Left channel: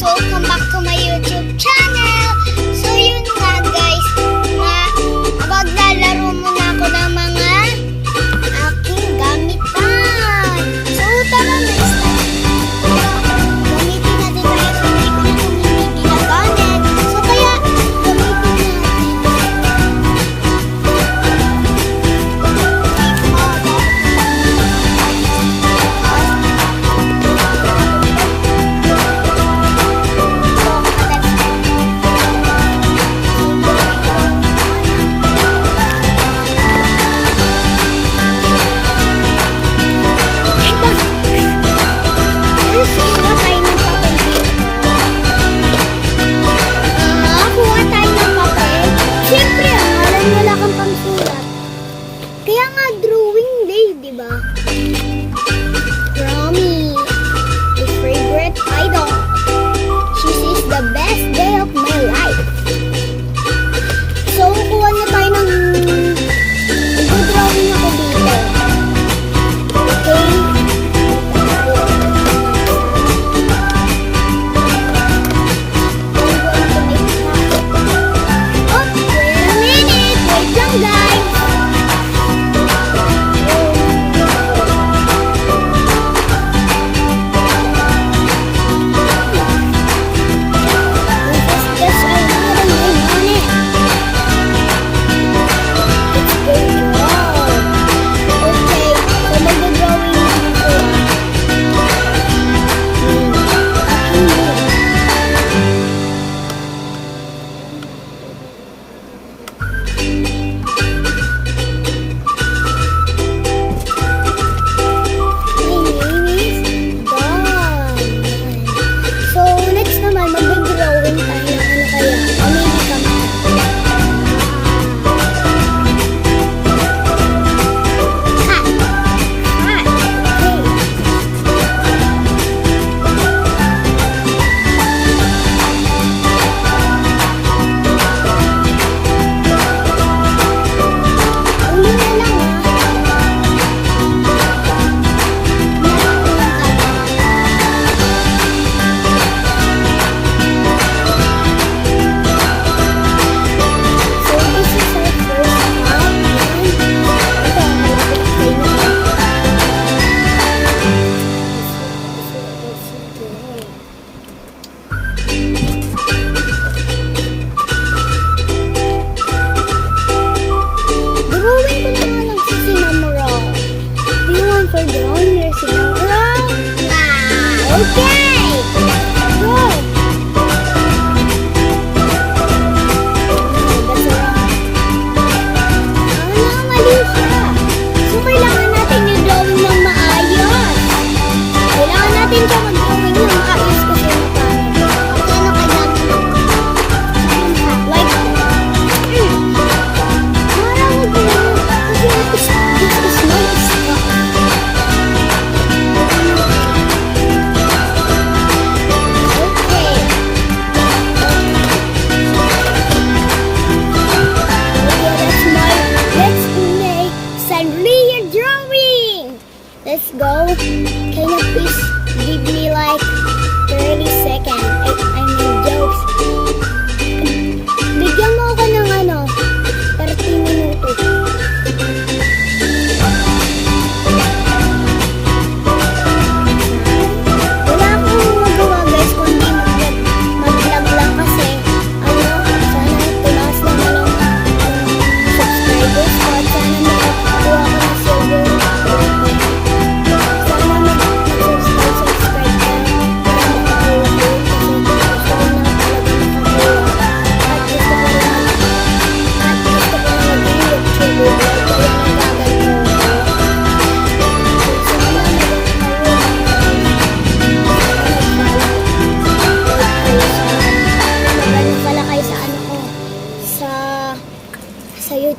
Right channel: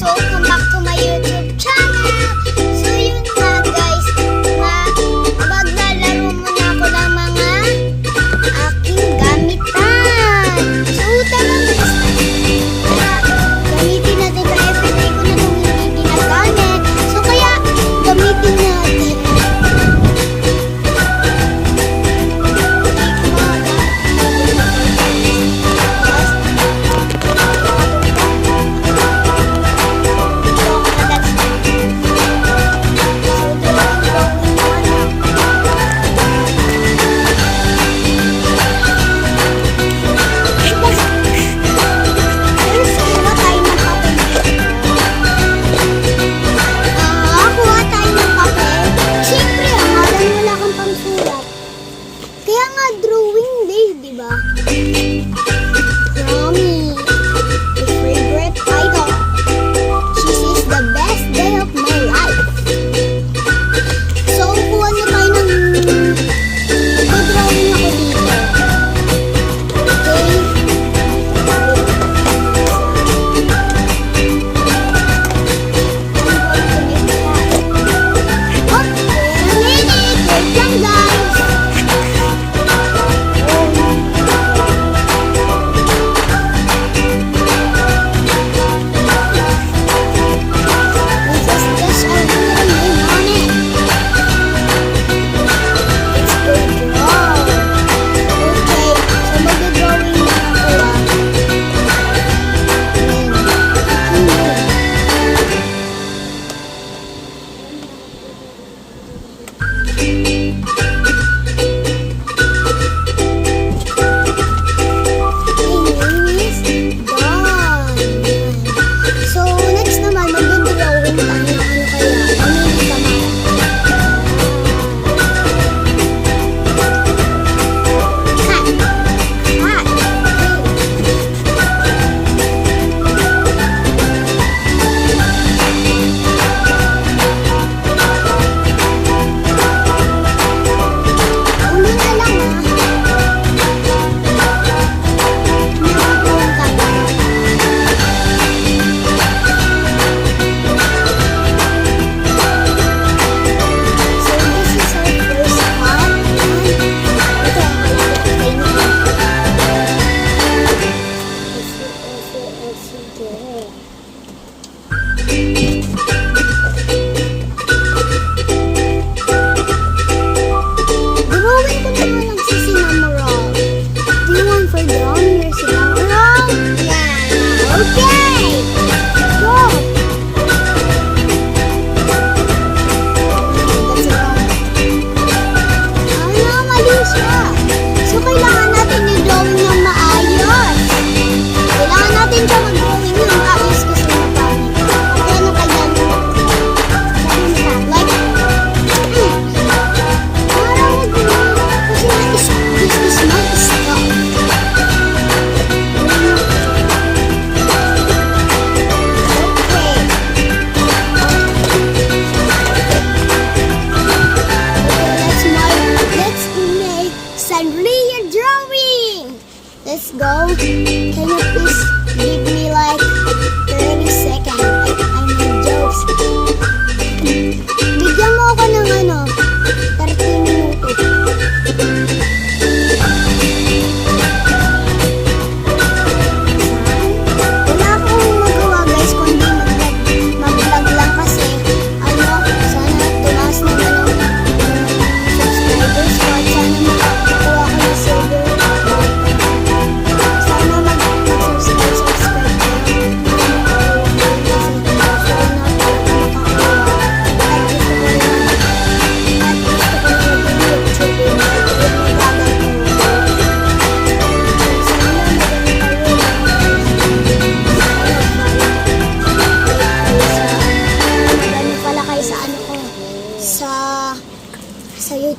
soğuk kan baktım 心中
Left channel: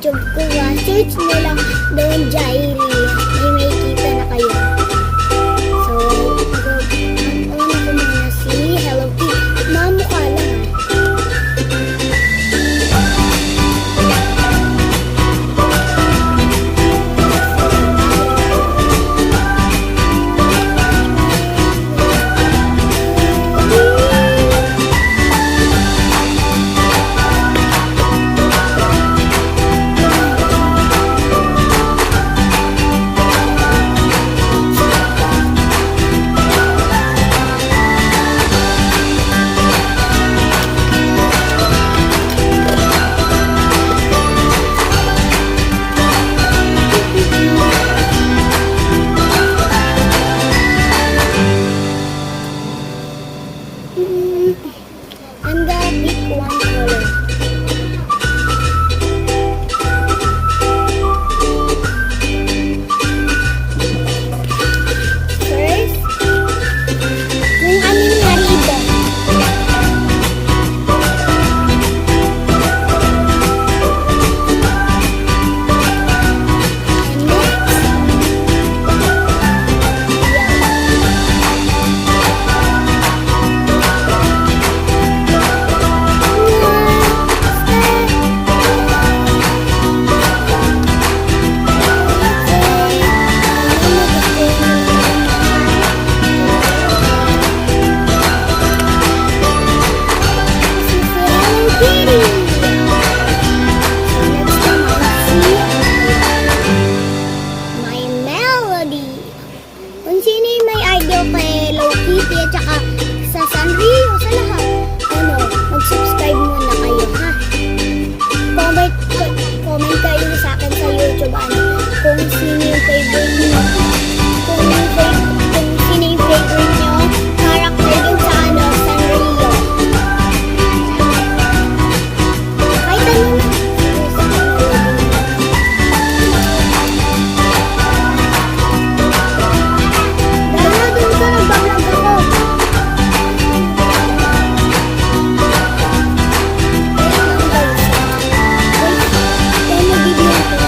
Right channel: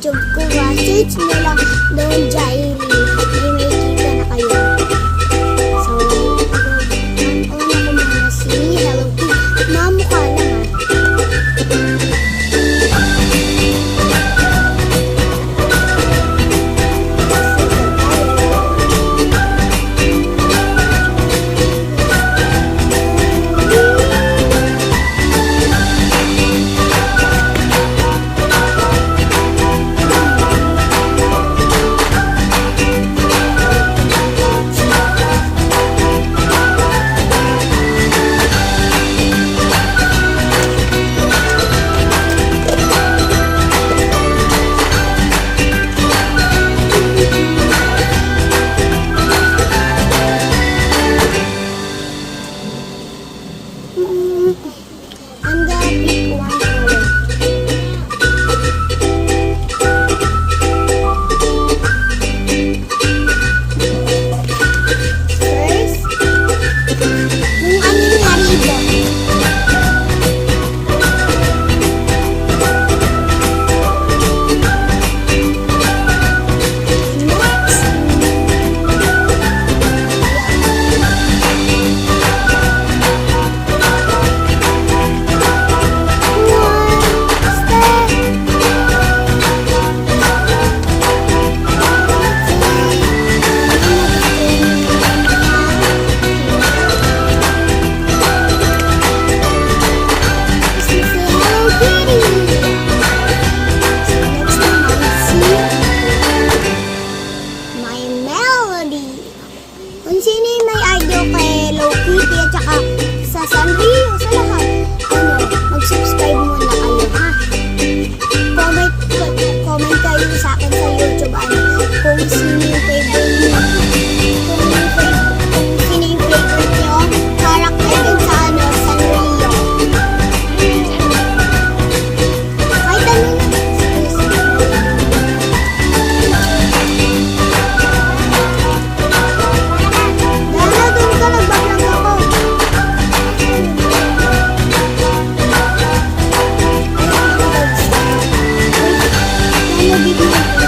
चुपको वाचिच मेला दोन जाई Kung sino yung may idol kay Low Kitty at saka sa Sanrio, sa lahat. Ano, mag-subscribe muna kayo ha. Comment, comment kayo sa akin sa YouTube. Ano, Thank you.